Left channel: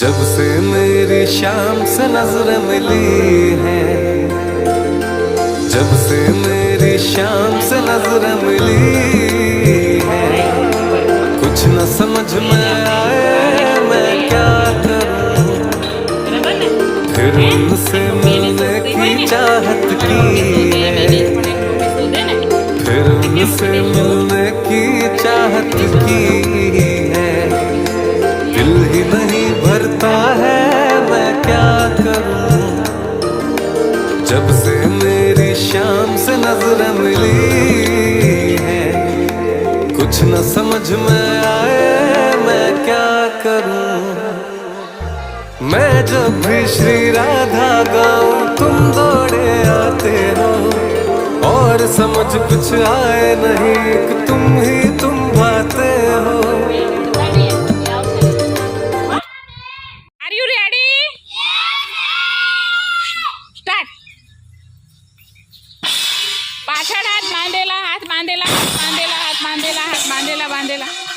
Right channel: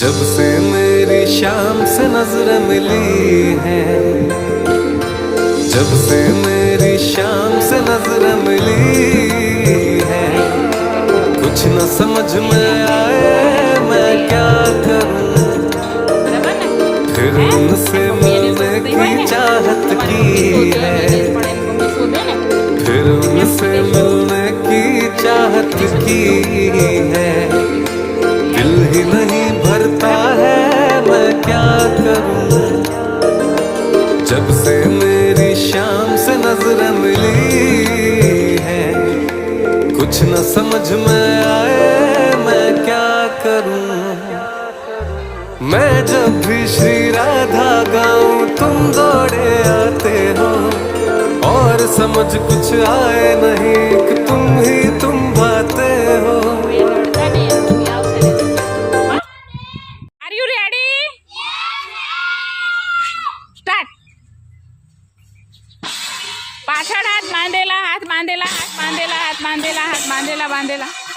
जब से मेरी शाम से नजरें मिली हैं, जब से मेरी शाम से नजरें मिली हैं, कुछ न समझ में आए मैं क्या करूं। फिर उनसे मिलने की चाहत की है, फिर उनसे मिलने की चाहत की है। दिल ही नहीं भरता है मैं क्या करूं। जब से मेरी शाम से नजरें मिली हैं, कुछ न समझ में आए मैं क्या करूं। मैं जब भी श्री राधा गाऊं तुम दौड़े आते हो, और समझ कुछ आए नहीं कि तुम भाते हो। Are you ready? Start. પાછળ હાથ બાંધેલા, હાથ બાંધેલા, હાથ બાંધેલા, હાથ બાંધેલા, હાથ બાંધેલા, બાંધેલા.